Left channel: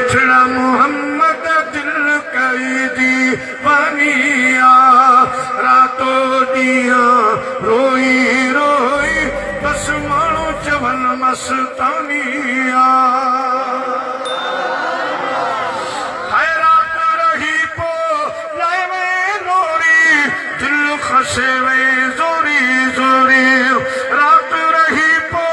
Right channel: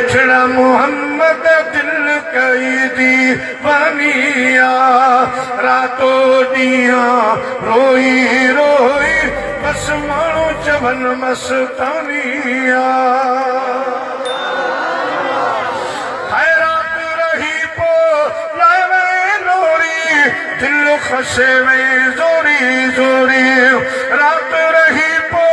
मिठड़ा मोहम्मद दिल कई दीवानिया रातो दिया रोई रोई बस मानो चवल मस्तानिया हैरात रही पो लाए नोरी दिल खसे वे जोरी जोरी रात रही पो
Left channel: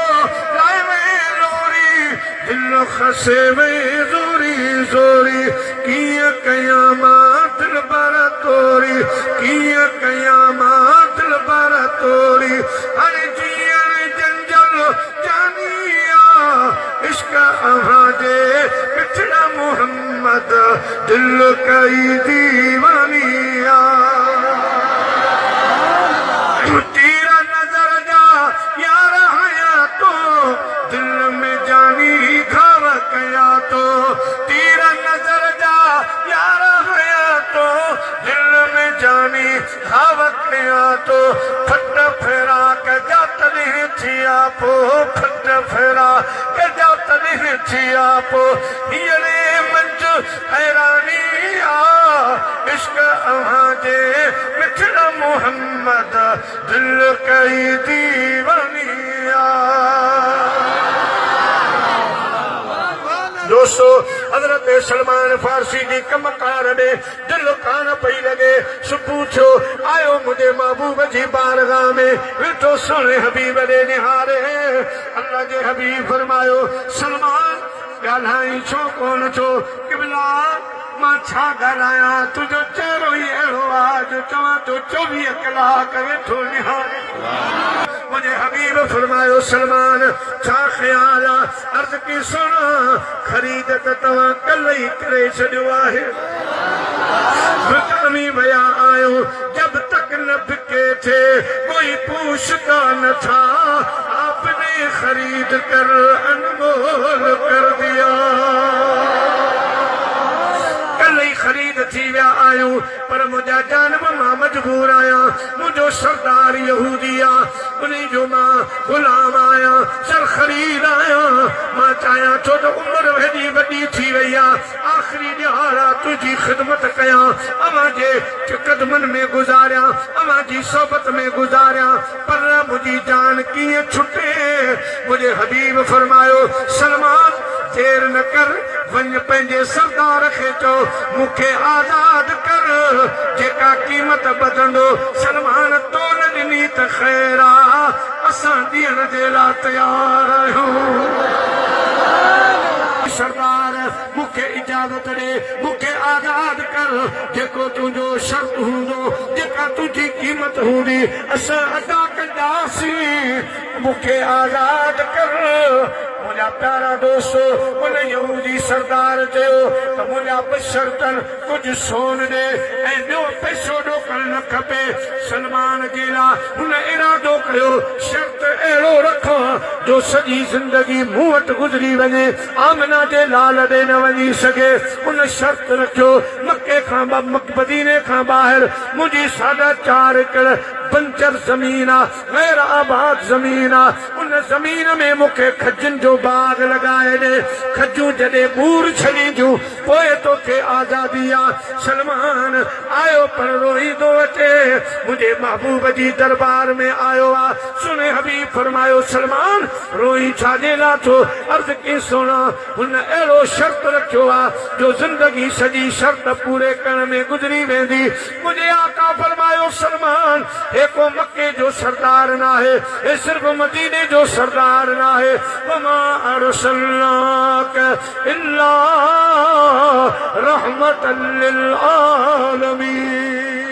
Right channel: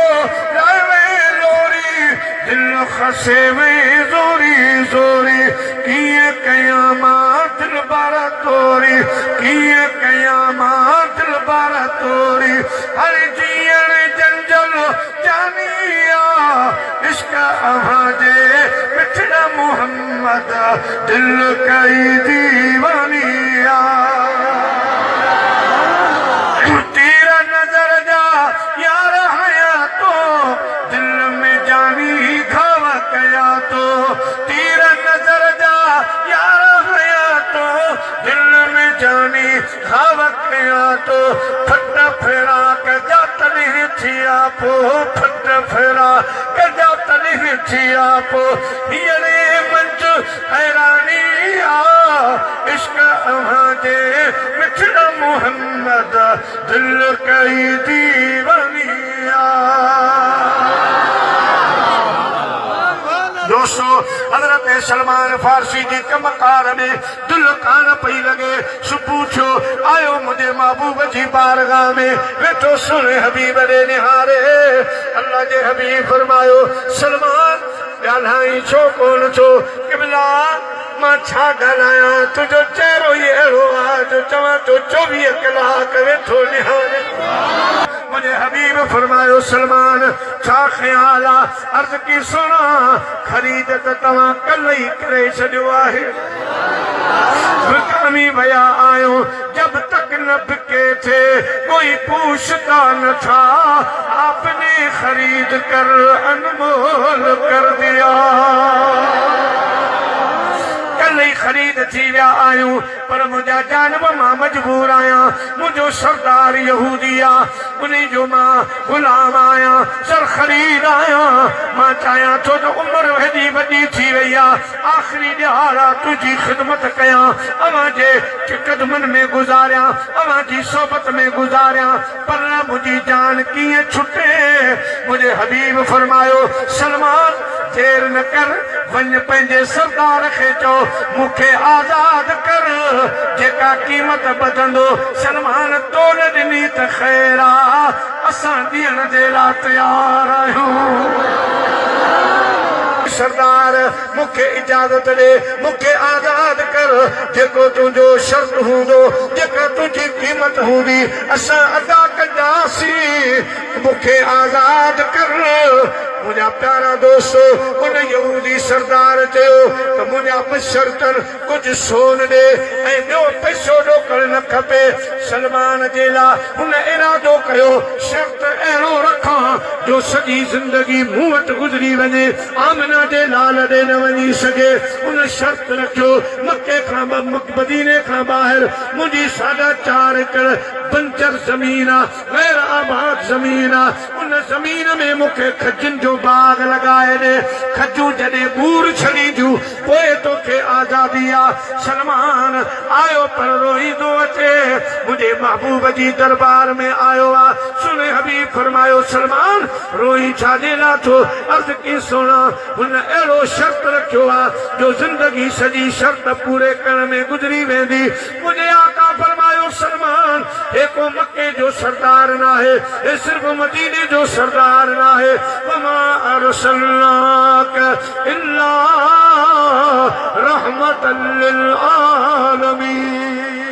लाए नोरी दिल खसे वे जोरी जोरी किया कयामा दिल बारा तोरी किया कयामा दिल बारा तोरी हर जियन जंजल जानिया इसका आवाजे मिठड़ा मोहम्मद दिल कई दीवानिया तेरा नजर जा यार हया तो दिल में जानी घाव कया तो तेरा नजर जा यार हया तो दिल में जानी घाव कया तो फट फेरा कजा तनी थिया पो फट फेरा कजा तनी थिया पो ये मंच हैरानी इश्क आवाजे मिठड़ा मोहम्मद दिल कई दीवानिया दोस्तों हजरत सलमान फारसी जी कमकार में दिल कान पई लगे सु पूछो आयो मुझे महबूब जी बारगाह में वेठो सोने हबीब दे निहारे अल्लाह जे हबीब फरमायो सलमान ॻाल्हाई छो कोन छो क़िबला मां छा ॻाल्हायां तुंहिंजो चेहरो ई अहिड़ो आहे जो चवां थो 24 कलाक वेठो निहारे मुझे हबीब फरमायो सलमान छा ख्याल आहे अर्ज़ की सुना ख़रीद त तव्हां कल्ह ई करे छॾियो आहे दुकानी विया आहियो जब तक न बिके थे कोई पूछता न था आपने खरीद कर अनमोल कर दिया कल ही खरीद थी विया आहियूं पर मुंहिंजा जानब मां मजबूर आहियां मुंहिंजो सरदार यहूदी आहे उन जो मां गुलाम आहियां सर ख़रीद आहियां मां चाहियां थो त उमिरि हेॾी वॾी थी वई आहे आख़िरी ॾियार आहे तुंहिंजी ख़िदमत कयां अवां जे क़दमनि में गुज़ारियां अवां जी सोबत में गुज़ारियां पर मुंहिंजी जान कीअं छुटे मुंहिंजे हबीब फरमायो सलमान देर न कर वञ पंहिंजे सरदार खे चओ मूंखे आज़ाद कर जेका क़ीमत ॿधंदो सलमान तोल ॾिनी त ख़ैर आहे असां ॾियण जे लाइ तयार आहियूं सरदार मूंखे इजाज़त ॾे मूंखे आज़ाद कर जेको तुंहिंजो शर्त हूंदो जेका तुंहिंजी क़ीमत हूंदी असां अदा कंदासीं मूंखे आज़ाद कर मुंहिंजा प्यारा दोस्तो उन यहूदी सरदार चयो त मुंहिंजा बशर्तन कुझु सोन ॾे ऐं ॿियो पैसो ॾोकड़ न खपे सलमान जे लाइ हुन इरादो कयो शर्त अहिड़ो रखां जो सॼी ज़िंदगी मूं वटि गुज़री वञे आमना जे लाल ॾे न वञी सघे उन शर्त रखियो मके खां मदीने खां ॿाहिरि मुंहिंजी 4.5 एकड़ बंजर ज़मीन आहे गैर आबाद ज़मीन आहे उन ज़मीन में मूंखे खजनि जो बाग लगाए ॾे खजूं जॾहिं बूर छॾींदियूं पोइ तोखे आज़ादी आहे सलमान आयो पर रोईंदो अचे मुंहिंजे महबूब जी दरबार में आयो आहे सुने हबीब फरमायो सलमान रोई छाजे लाइ थो अर्ज़ की सुना हुन अहिड़ो शर्त रखियो आहे जो ज़िंदगी सॼी शर्त पूरे करण में गुज़री वेंदी मुंहिंजे आका फरमायो सलमान हे को मके जो सरदार न आहे हे सिर्फ़ मदीने जो सरदार न आहे वमा अरसलनाक इल्ला रहमतन लिल आलमीन।